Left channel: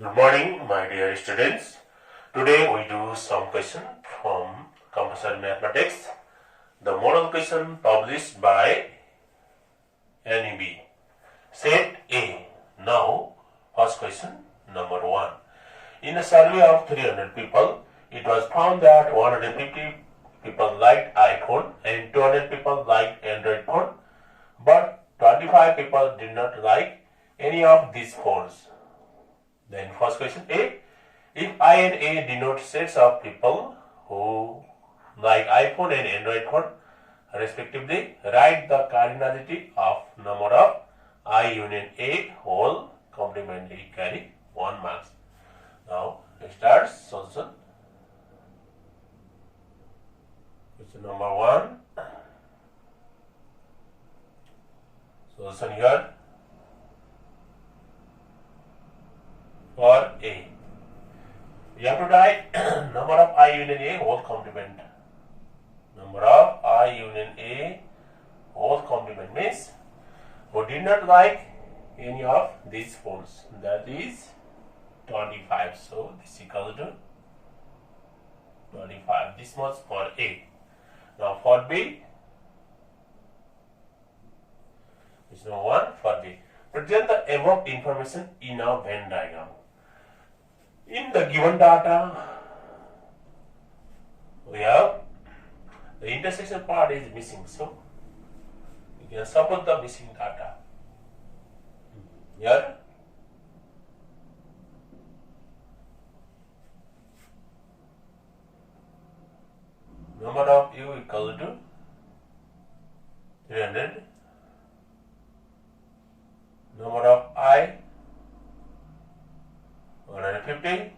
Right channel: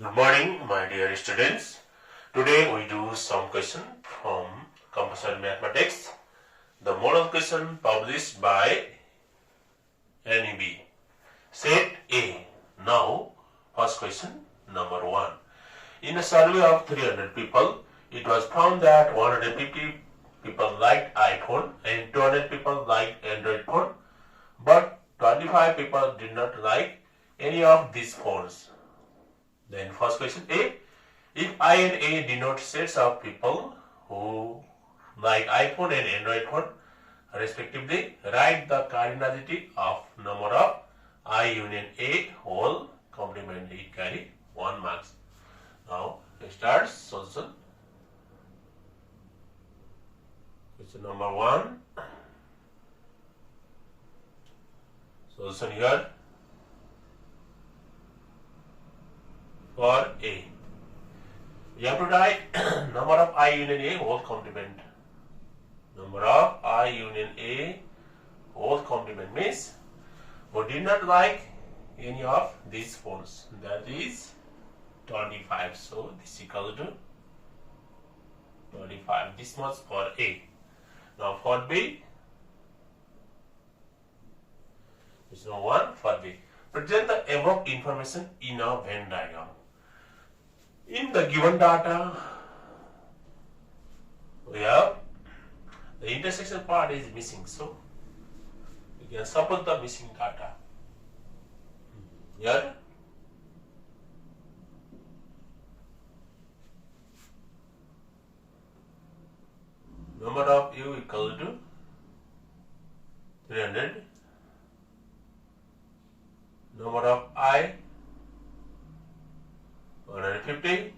Good morning, my dear students. Today we do some question from compulsory mathematics. The model question published by NEB. Set A. Now, first question number 1. In a survey of 300 people, it was found that 150 people liked iPhone and 200 people liked Android phone, but 25 people did not like any of these phones. Then first question A. If I and A denote sets of people who like iPhone and Android phone respectively, write the cardinality of number of I union A whole complement. It carry 1 marks. Now it starts solution. Question number 1. Solution here. For A, you have to write number of I union A whole complement. Number of I union A whole complement means who did not like any of these phones. That is 25. So this is equal to 25. This much for A. Now for B, it's no 1 for B. Present the above information in a Venn diagram. In the given data, we have the intersection part is missing, so we can support the missing data. Here, number of U equal to 300, number of I 150,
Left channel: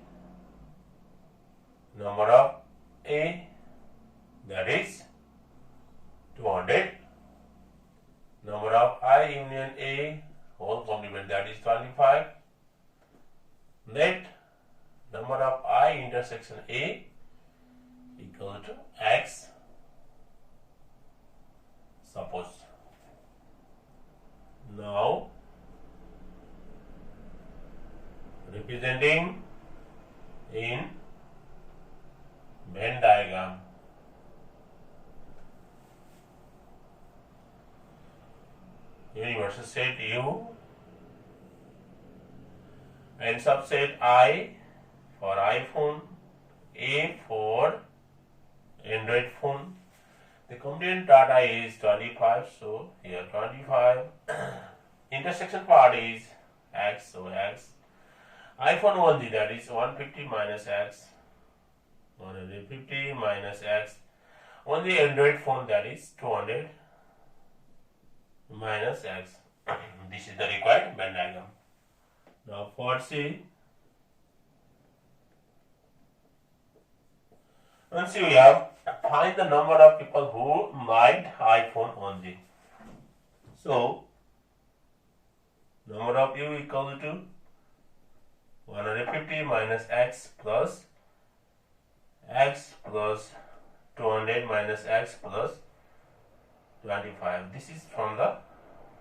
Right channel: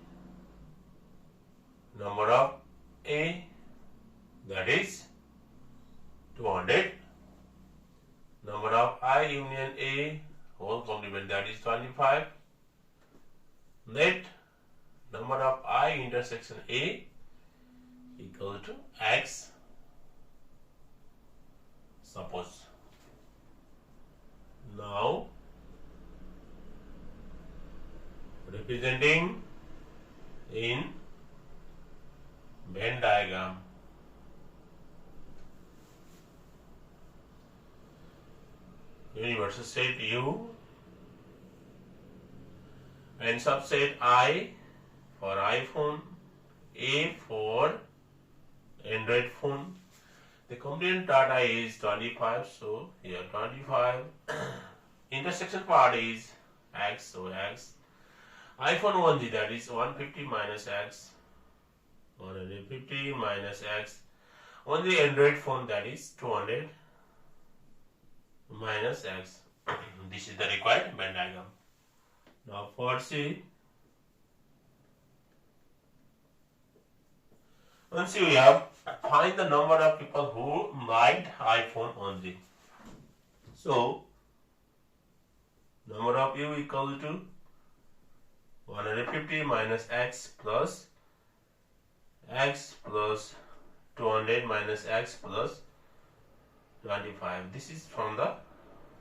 number of A that is 200, number of I union A whole complement that is 25, net number of I intersection A equal to X, suppose. Now representing in Venn diagram. Universal set U and subset I for iPhone, A for Android phone. The complete data is 25, so here 25. Intersection part is X, so X. iPhone 1G that is 150 minus X, 150 minus X. On the Android phone that is 200 minus X. This is the required Venn diagram. Now for C, once we have find the number of people who liked iPhone only. So number of U equal to 150 minus X plus 200 minus X plus 25. This is from the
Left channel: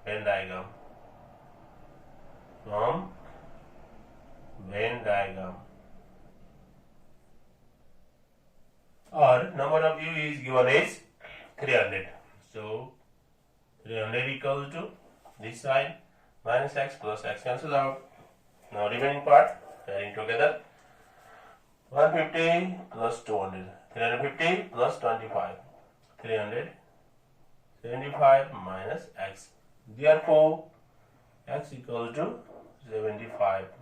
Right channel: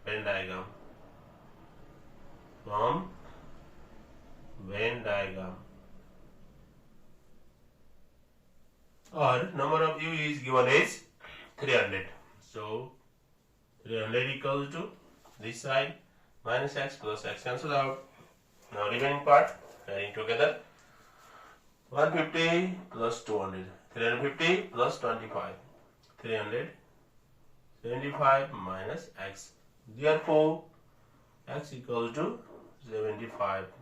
Venn diagram. From Venn diagram. Or number of U is given as 300. So 300 equal to this side minus X plus X cancels out. Now remaining part adding together 150 plus 200, 350 plus 25, 375 minus X. Therefore, X equals to 75.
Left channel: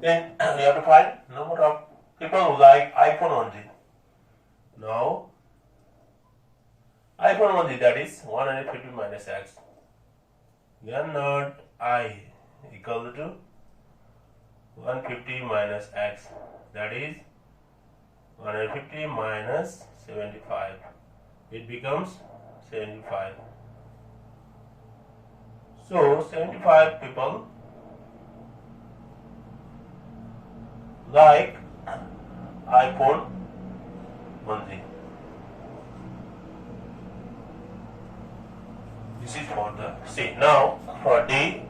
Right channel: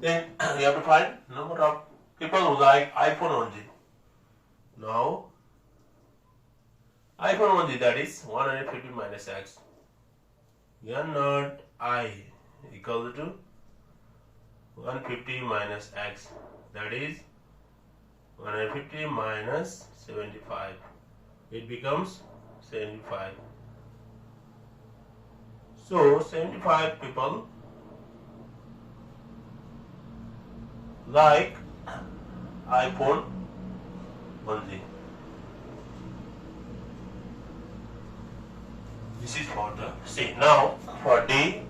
Then we have to find number of people who like iPhone only. Now, iPhone only that is 150 minus X. Then not I equal to 150 minus X, that is 150 minus 75. It becomes 75. So 75 people like iPhone only. This is for the C. Now for D,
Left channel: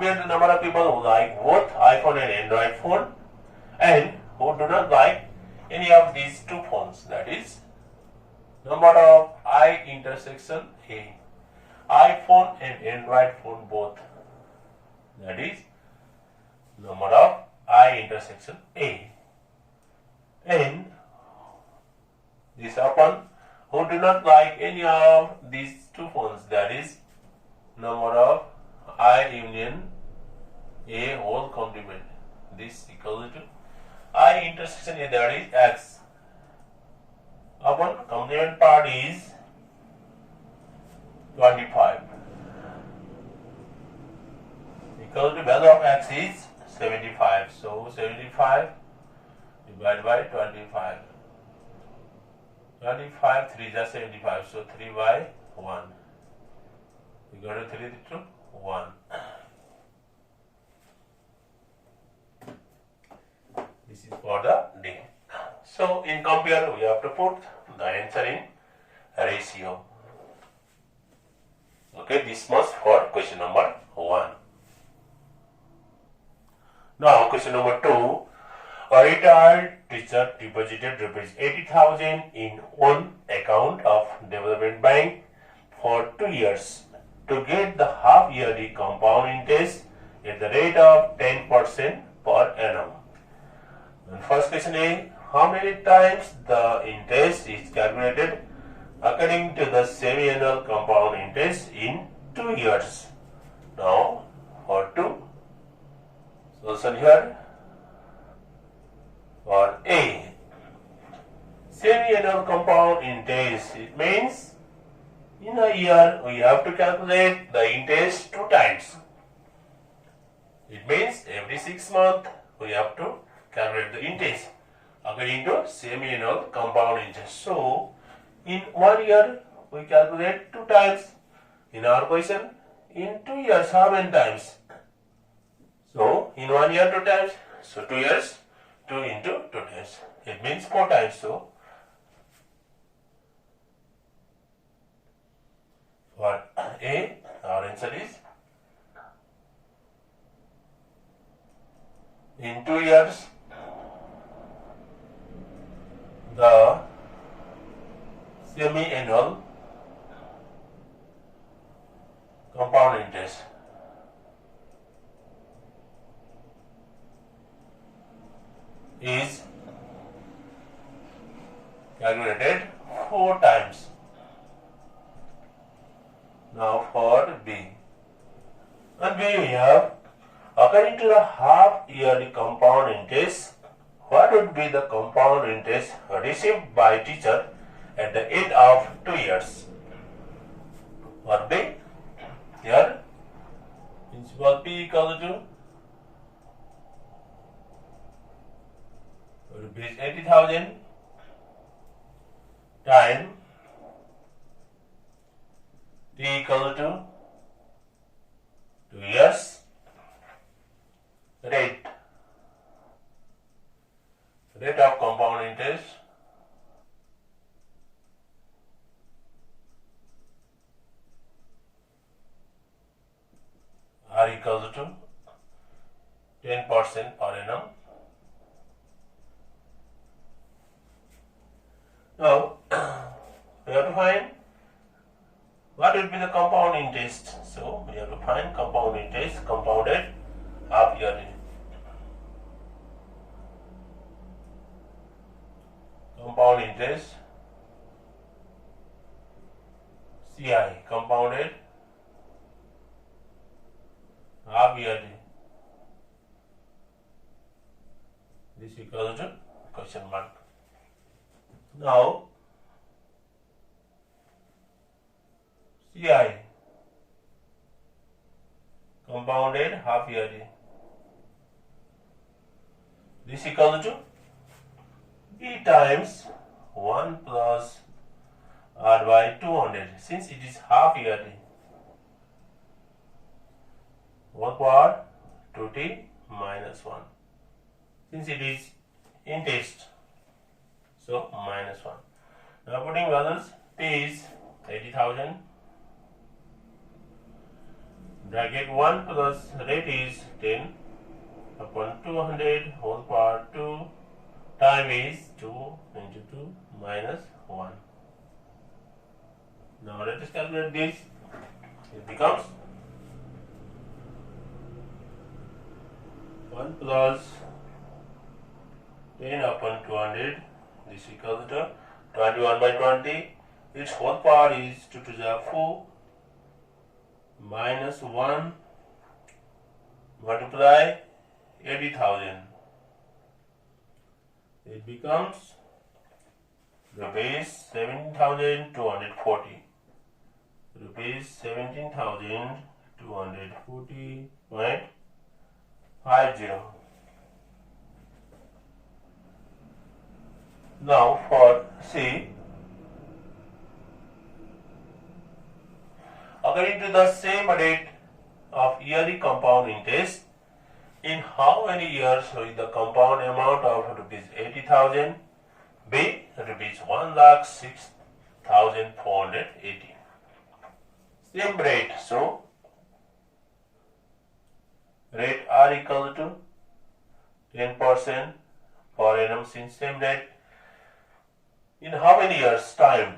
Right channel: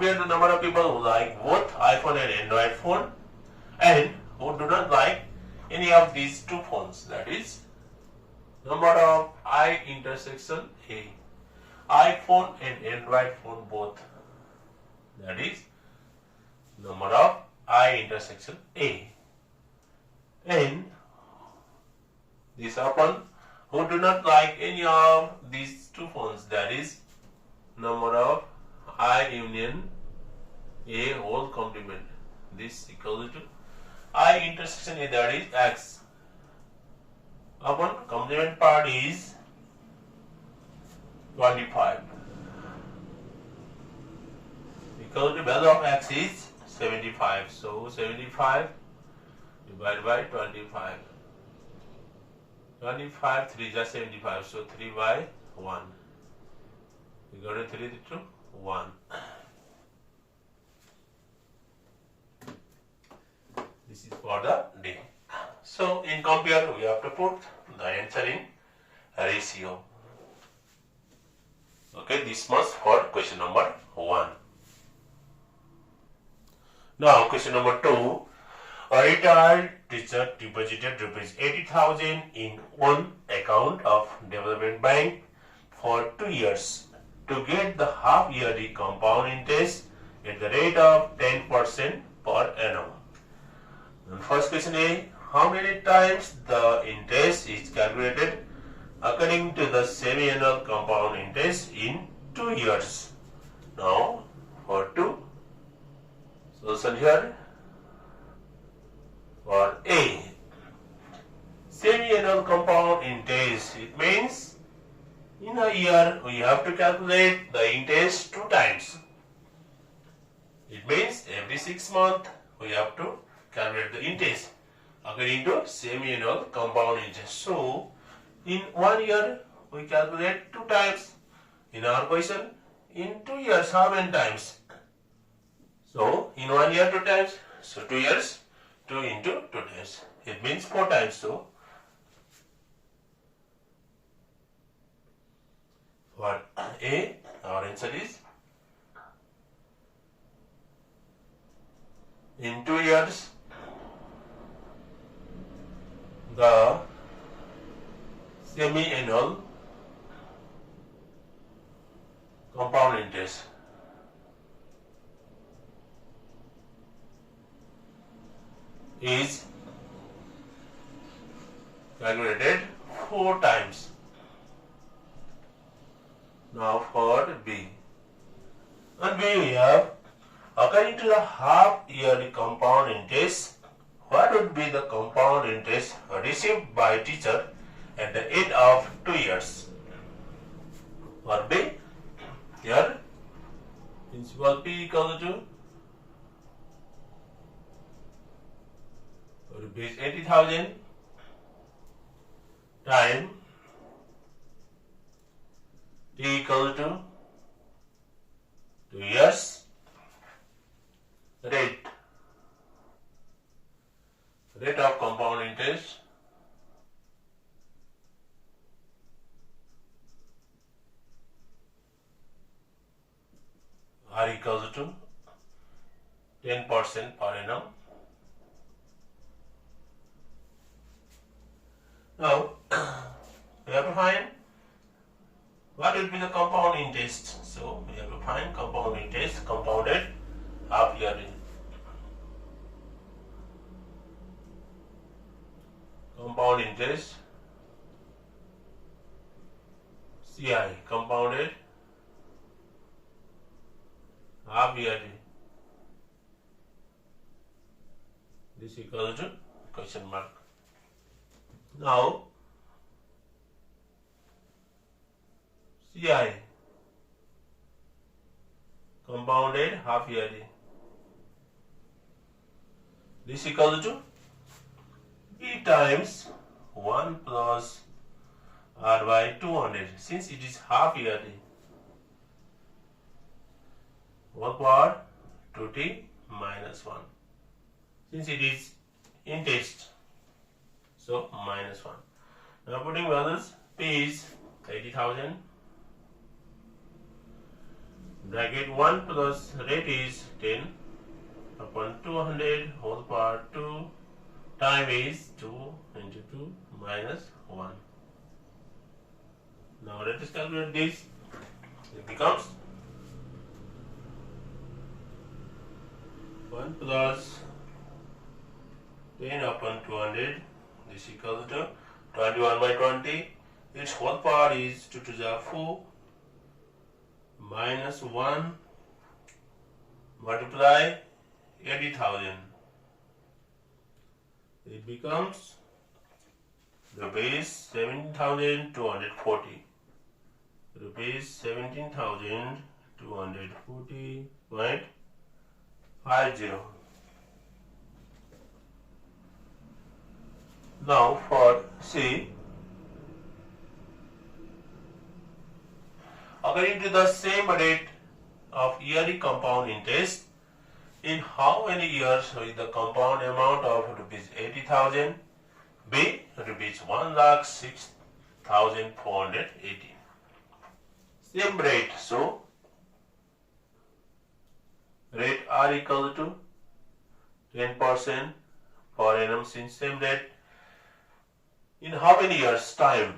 compare the number of people who like both iPhone and Android phone and who do not like any of these two phones. That is number of I intersection A. iPhone and Android phone both. That is number of I intersection A. And this open who do not like any of these two phones. That is number of I union A whole complement. This equal to I intersection A, that is X, upon complement part is 25 equal to value of X is 75. So 75 divided by 25. 25 3 is 75. So 3 by 1. You got a 3 to 1. This is for the day. So in compare we have to put the answer in ratio. Okay, this much for question number 1. Now question number 2. A retired teacher deposited rupees 80,000 in one account of development bank for 2 years to get the half yearly compound interest at the rate of 10% per annum. And first question is, how many times the interest is calculated according to the semi-annual compound interest in 2 years? Now for 2, solution here. For A, semi-annual compound interest, it means in a year we have to calculate the interest 2 times. It means every 6 months we have to calculate the interest according to semi-annual compound interest. So in 1 year we calculate 2 times. In our question, in 2 years how many times? So in 1 year 2 times. So 2 years 2 into 2 times. It means 4 times. So for A, our answer is in 2 years the semi-annual compound interest is calculated 4 times. Now for B. On B we have, according to the half yearly compound interest, what would be the compound interest received by teacher at the end of 2 years? For B, here principal P equal to rupees 80,000 time T equal to 2 years rate of compound interest R equals to 10% per annum. Now we have to find what will be the compound interest. So we have to find compound interest, compounded half yearly. Compound interest CI, compounded half yearly. This equals to question mark. Now CI, compounded half yearly. This equals to B times 1 plus R by 200. Since it is half yearly, 1 power 2t minus 1. Since it is interest, so minus 1. Now putting values, P is 80,000 bracket 1 plus rate is 10 upon 200 whole power 2 time is 2 into 2 minus 1. Now let us calculate this. It becomes 1 plus 10 upon 200. This equals to 21 by 20. Its whole power is 2 to the 4 minus 1 multiply 80,000. It becomes rupees 17,240. Rupees 17,240.50. Now for C, according to the same rate of yearly compound interest, in how many years will the compound amount of rupees 80,000 be rupees 1,06,480? Same rate, so rate R equal to 10% per annum since same rate. In how many years time?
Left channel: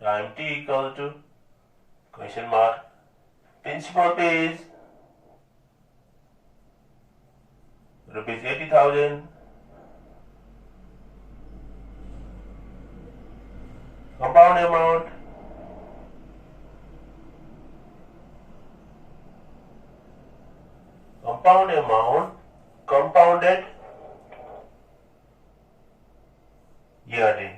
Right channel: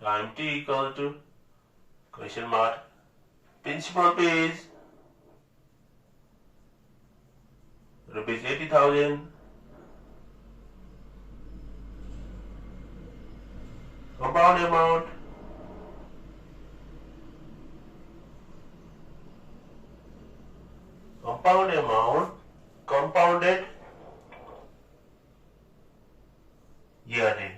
Time T equal to question mark. Principal pay is rupees 80,000. Compound amount compounded yearly.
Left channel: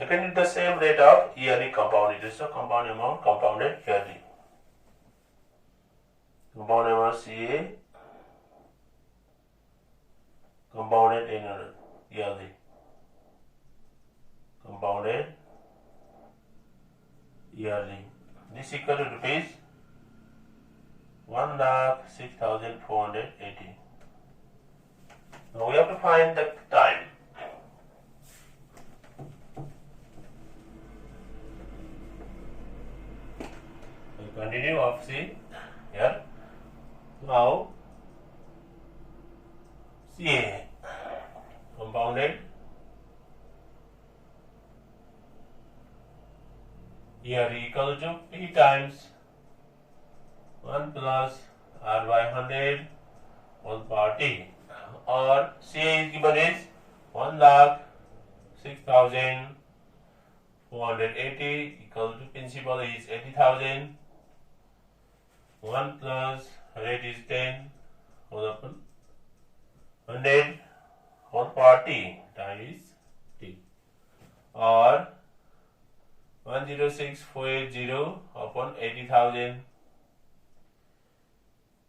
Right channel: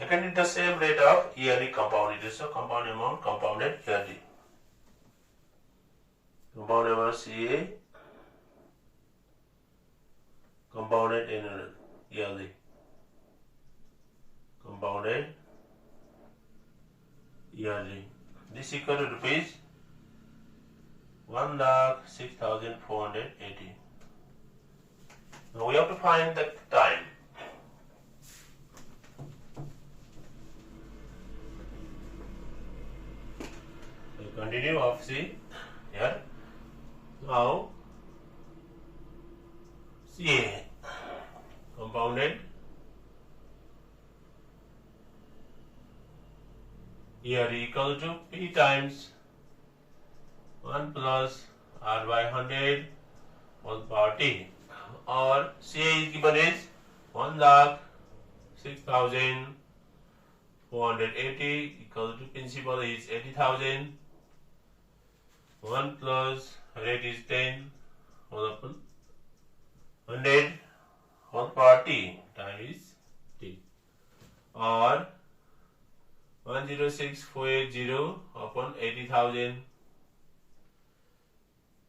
Again, it's the same rate of yearly compound interest. So compound amount compounded yearly. Compound amount CA compounded annual yearly. Compounded yearly. This equal to rupees 1,06,480. Now we have to find the time. We continue of C here. Now CA compounded here equal to P times 1 plus R by 100 whole power T, or CA is given as 1,06,480 equal to principal is 80,000. 1 plus rate is 10 whole upon 100 whole power T, time is T, or 106,480 upon 80,000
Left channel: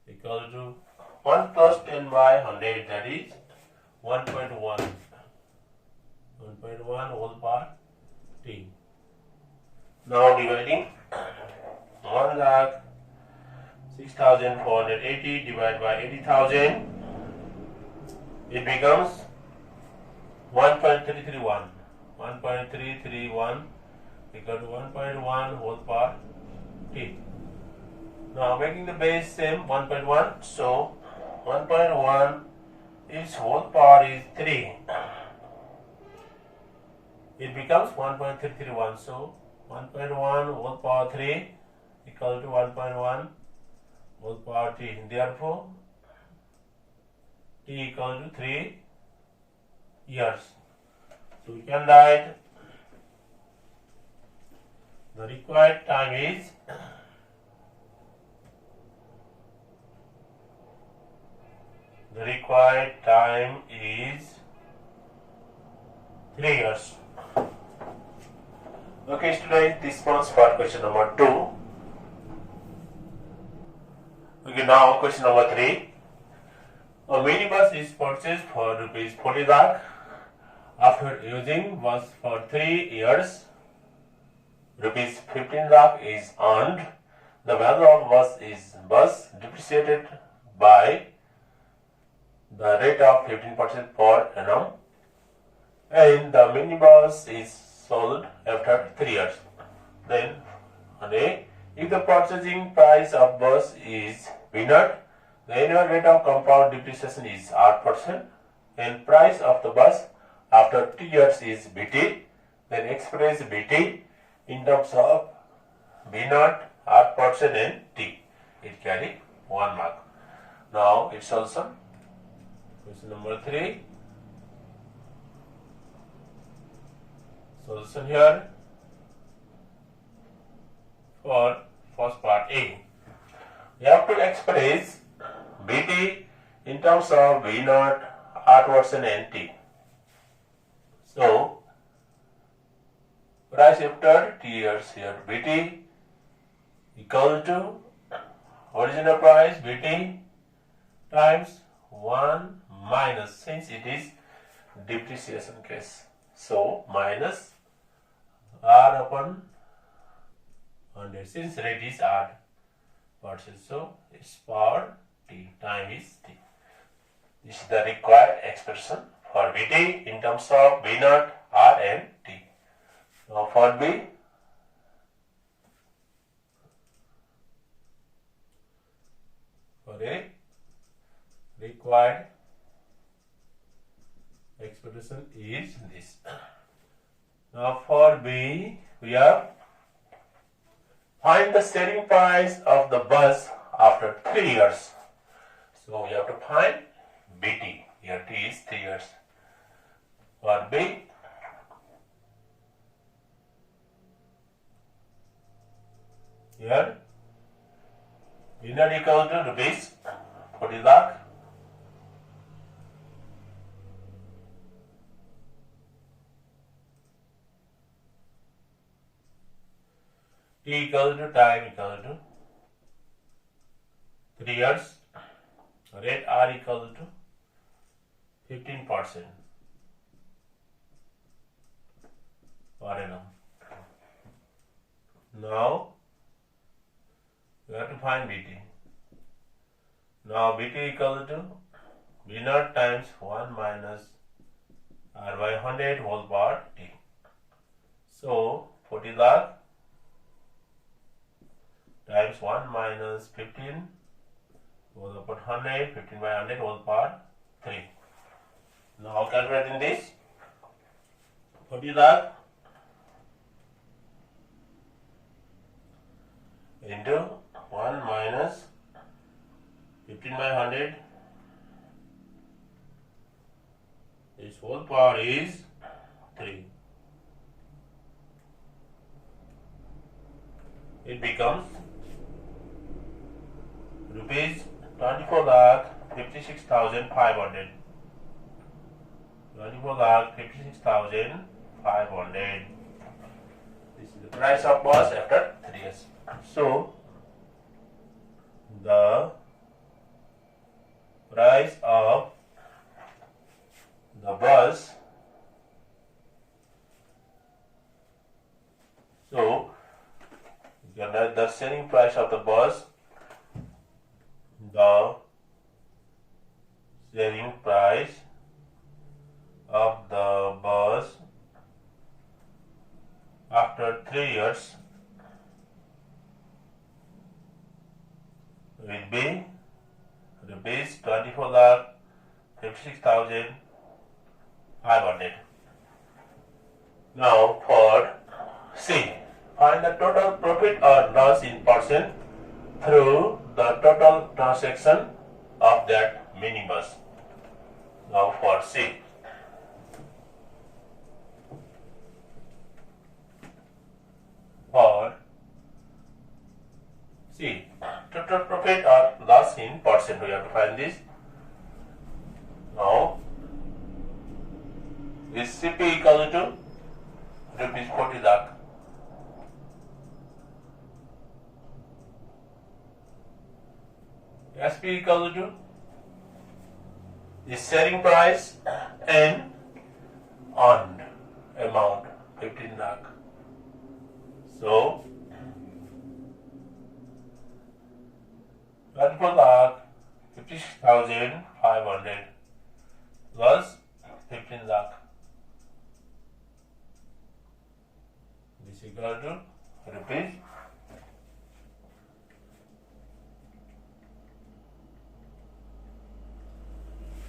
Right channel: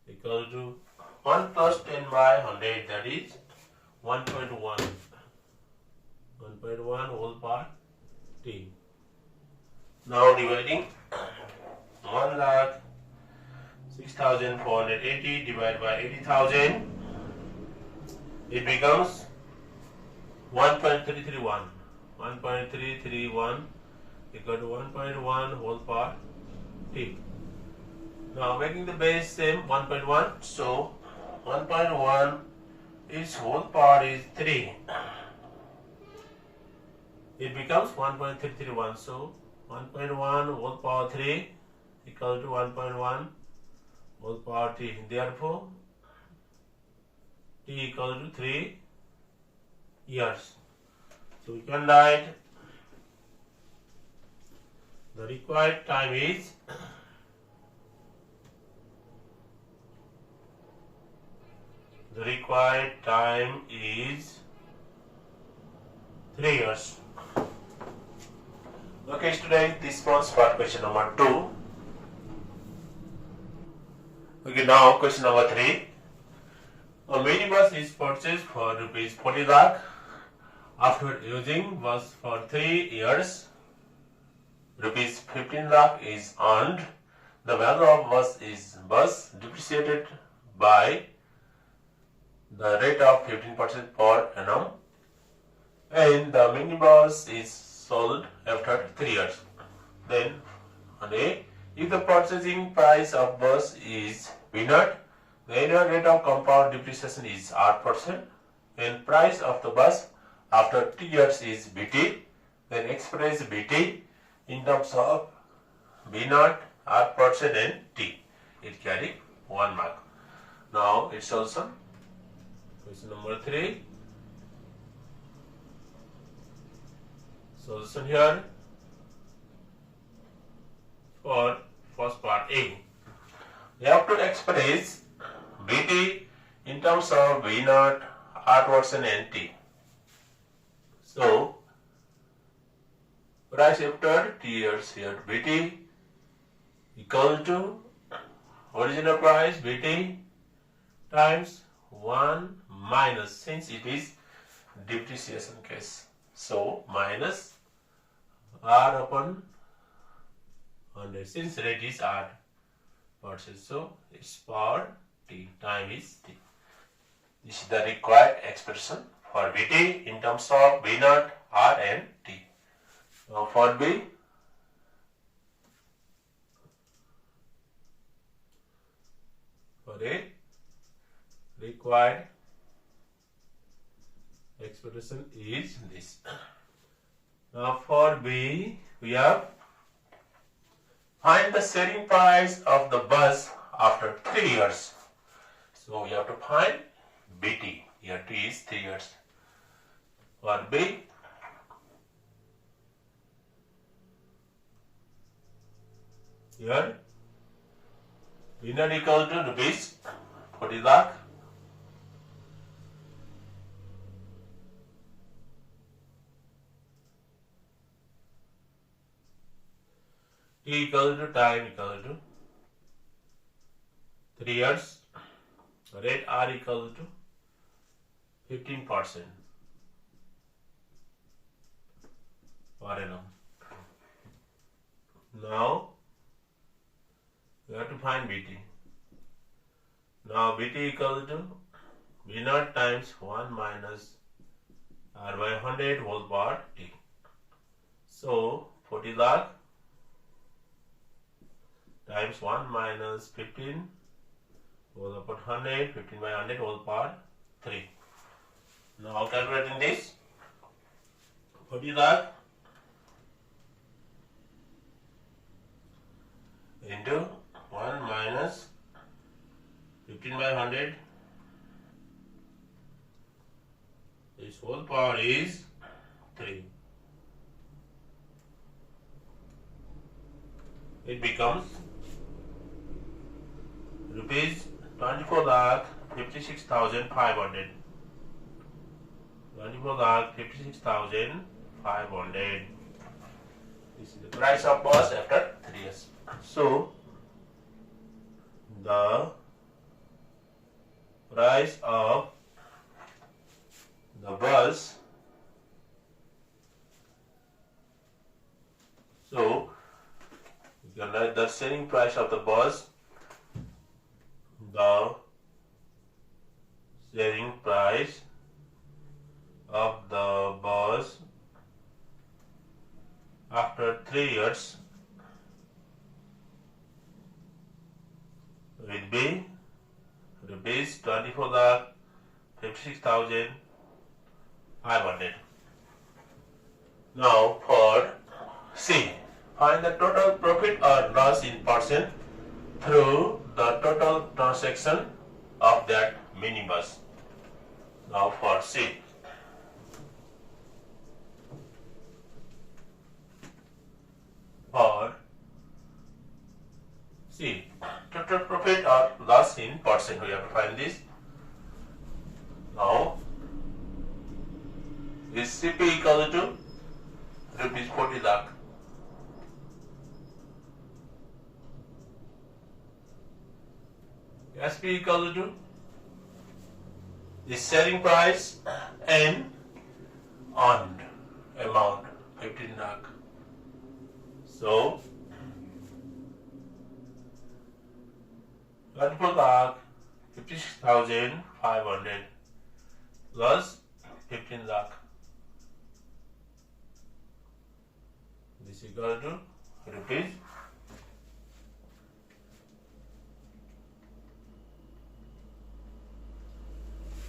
equal to 1 plus 10 by 100, that is 1.1. 1.1 whole power T. Now dividing 1,06,480 divided by 80,000, it becomes 1.331. 1.331 equal to 1.1 whole power T. Now making the base same 1.1, so 1.1 its whole power is 3. It becomes 1.331. So 1.1 whole power 3 equal to 1.1 whole power T. Therefore T equal to 3 years. So we can write the required time is The required time is 3 years. Okay, students, this was for question number 2. Okay, now question number 3. A minibus is purchased for rupees 40 lakh. After using bus for 3 years, rupees 15 lakh is earned. The value of bus depreciated by the rate of 15% per annum, and the minibus is sold after 3 years. Then A, if the purchasing price of bus is V0, the annual rate of compound depreciation is R% and price of the bus after 3 years is BT, then express BT in terms of V0, R% and T. It carry 1 mark. Now its solution. Question number 3. Solution here for first part A. You have to express BT in terms of V0, R% and T. So price after 3 years here BT equal to original price BT times 1 minus, since it is depreciation case, so minus R upon 100, since rate is R percent, so its power T, time is T. This is the required expression for BT in terms of V0, R and T. Now for B, for A, required expression is this. Now for B, we have find the selling price of the bus after 3 years. So we have to find BT. Here T is 3 years. For B, here V0 equal to rupees 40 lakh. T equal to time equal to 3 years. Rate R equal to 15% per annum. Now we have to find BT. Now BT equal to V0 times 1 minus R by 100 whole power T. So 40 lakh times 1 minus 15 whole upon 100, 15 by 100 whole power 3. Now calculating this, 40 lakh into 1 minus 15 by 100, this whole power is 3. It becomes rupees 24,56,500. 24,56,500. This is the price of bus after 3 years. So the price of the bus, so you can write the selling price of the bus, the selling price of the bus after 3 years will be rupees 24,56,500. Now for C, find the total profit or loss in percent through the total transaction of that minibus. Now for C, for C, total profit or loss in percent, we have to find this. Now this CP equal to rupees 40 lakh. SP equal to the selling price and earned amount 15 lakh. So 24 lakh 56,500 plus 15 lakh. This equal to rupees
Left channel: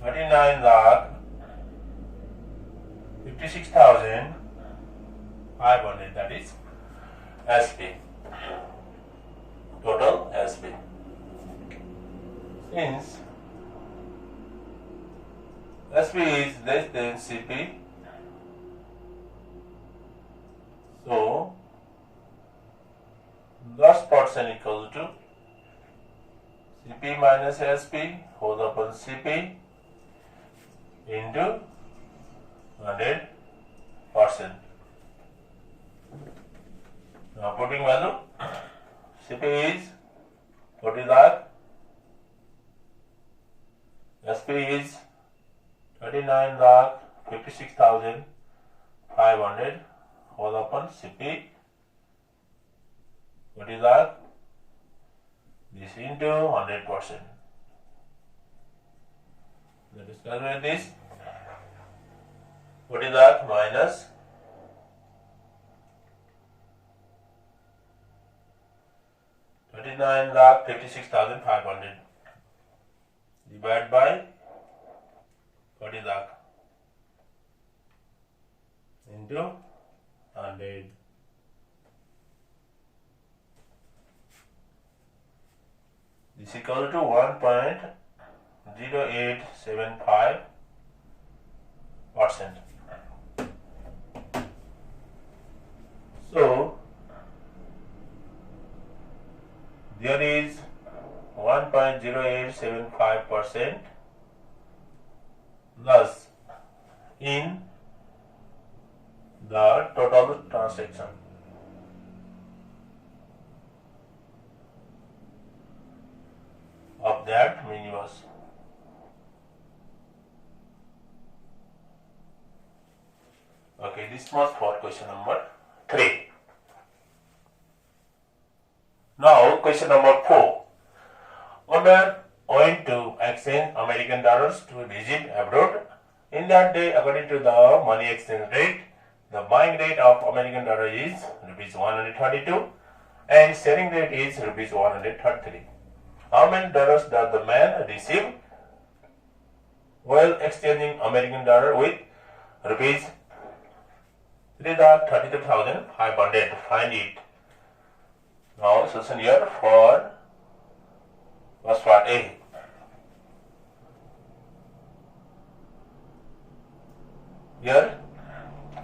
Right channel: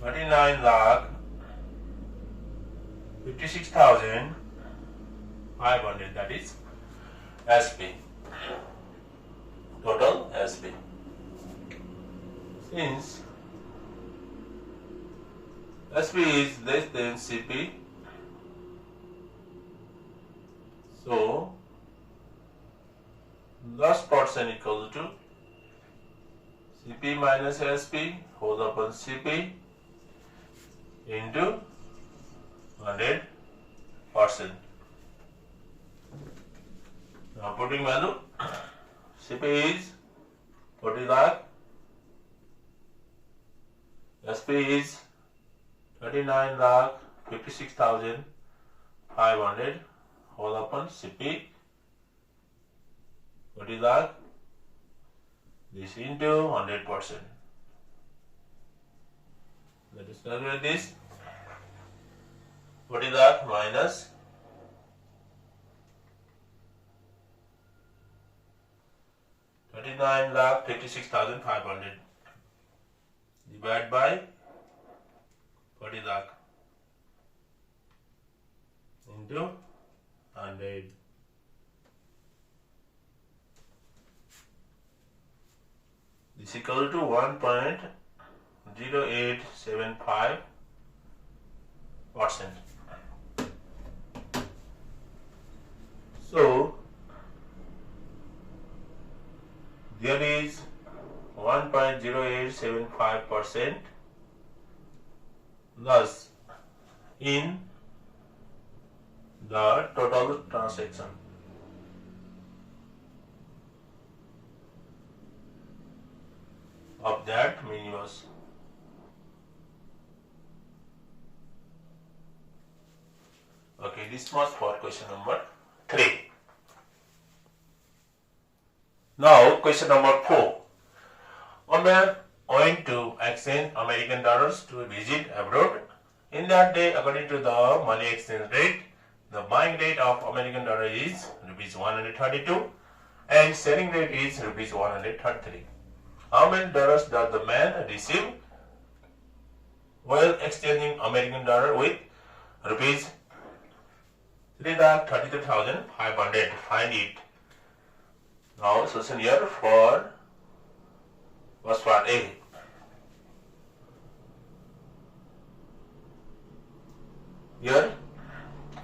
39,56,500, that is SP, total SP. Since SP is less than CP, so loss portion equal to CP minus SP whole upon CP into 100%. Now putting value, CP is 40 lakh, SP is 39,56,500 whole upon CP 40 lakh, this into 100%. Let us calculate this. 40 lakh minus 39,56,500 divided by 40 lakh into 100. This is equal to 1.0875%. So there is 1.0875% loss in the total transaction. Of that mini loss. Okay, this was for question number 3. Now question number 4. A man went to exchange American dollars to visit abroad. In that day, according to the money exchange rate, the buying rate of American dollar is rupees 132 and selling rate is rupees 133. How many dollars does the man receive while exchanging American dollar with rupees 3,33,500? Find it. Now solution here for first part A. Here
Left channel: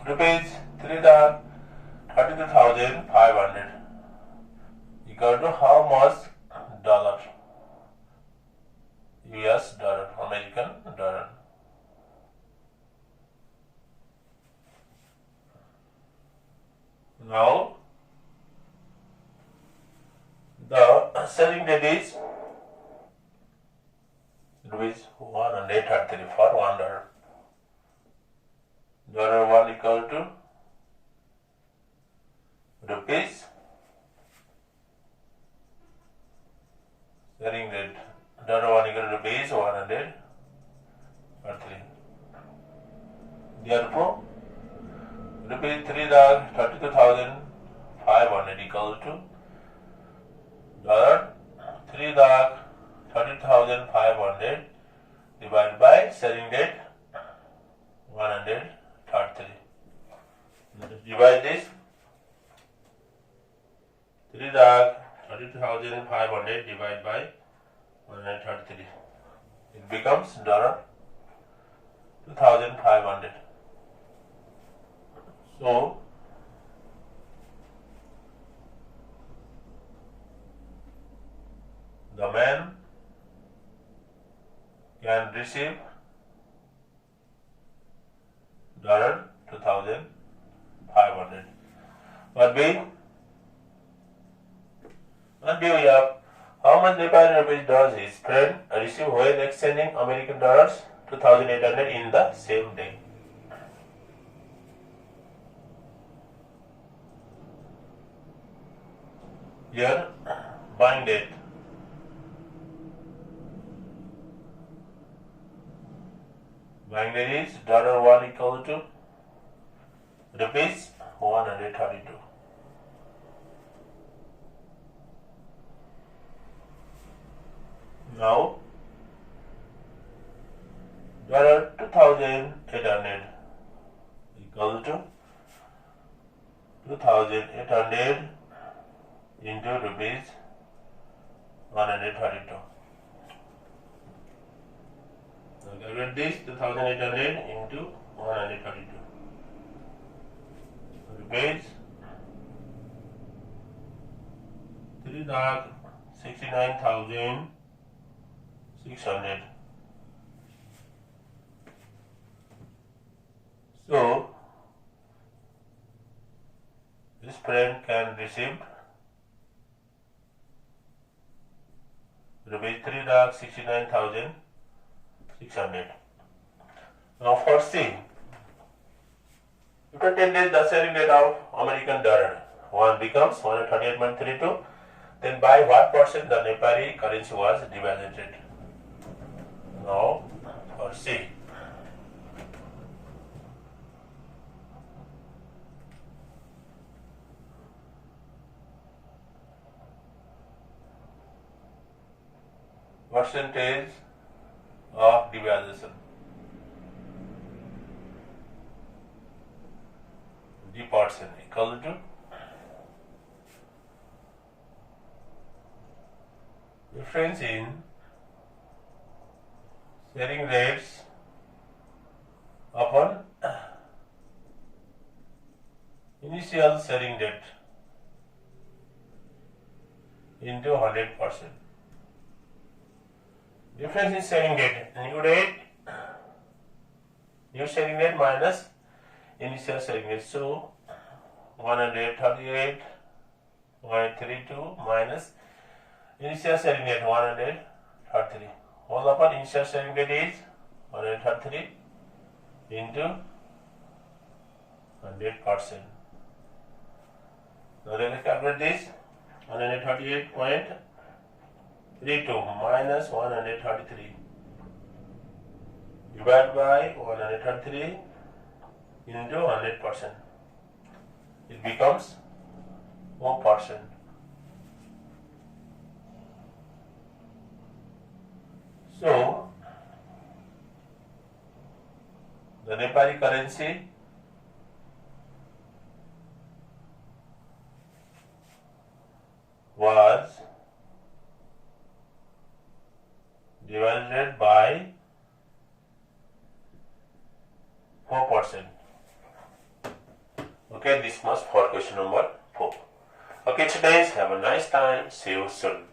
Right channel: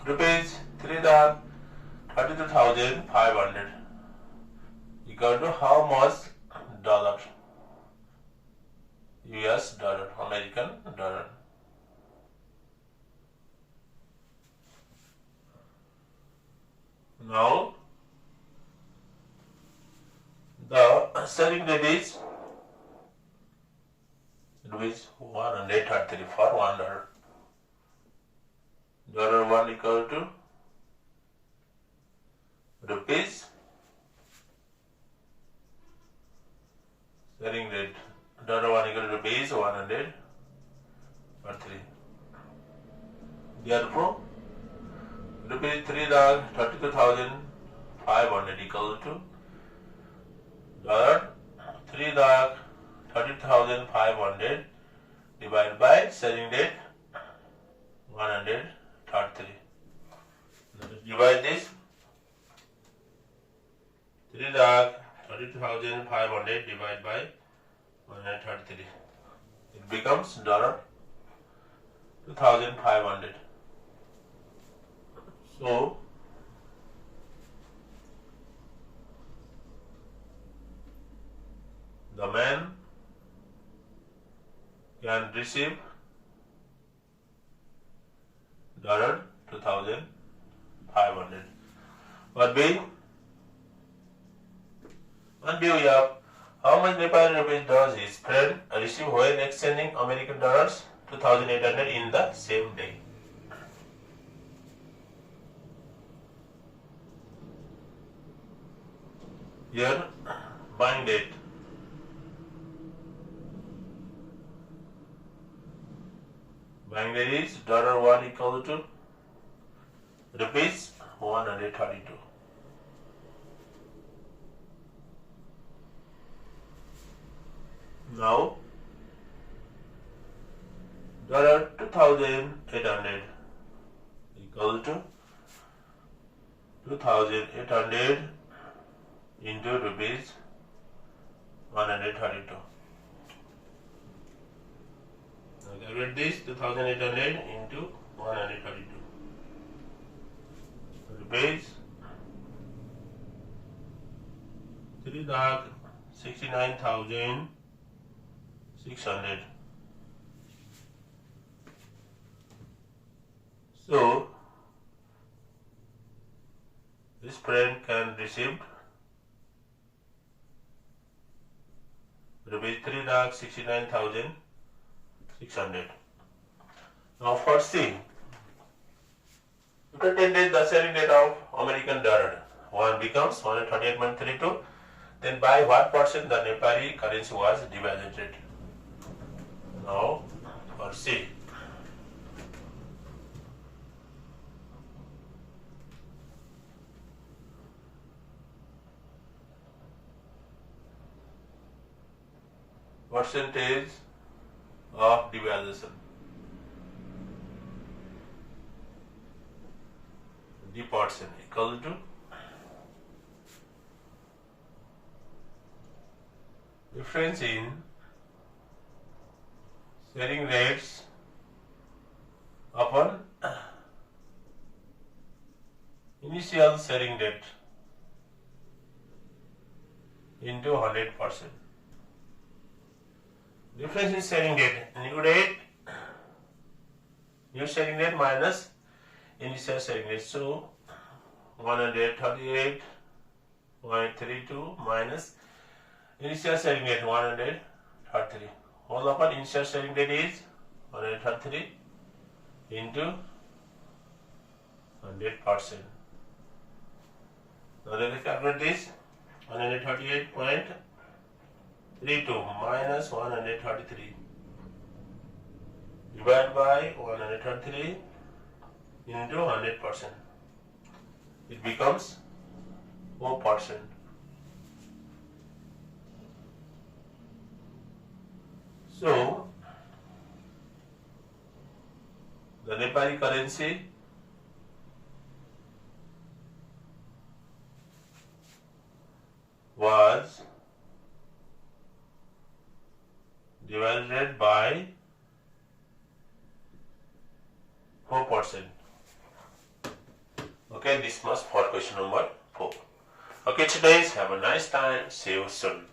rupees 3,33,500 equal to how much dollar? US dollar, American dollar. Now the selling rate is rupees 133 for $1. $1 equal to rupees selling rate. $1 equal to rupees 133. Therefore, rupees 3,32,500 equal to $3,32,500 divided by selling rate 133. Let us divide this. 3,32,500 divided by 133. It becomes $2,500. So the man can receive $2,500. What B? What B we have? How much Nepali rupees does his friend receive when exchanging American dollars 2,800 in the same day? Here, buying date. Buying rate is $1 equal to rupees 132. Now $2,800 equal to 2,800 into rupees 132. Now calculate this 2,800 into 132. Rupees 3,69,600. So this friend can receive rupees 3,69,600. Now for C, after 10 days the selling rate of American dollar 1 becomes 138.32. Then by what percent the Nepali currency was devalued? Now for C. Percentage of devaluation. The percent equal to difference in selling rates upon initial selling rate into 100%. Difference in selling rate, new selling rate minus initial selling rate. So 138.32 minus initial selling rate 133. Whole upon initial selling rate is 133 into 100%. Now let us calculate this. 138.32 minus 133 divided by 133 into 100%. It becomes 4%. So the Nepali currency was divided by 4%. Okay, this was for question number 4. Okay, students, have a nice time. See you soon.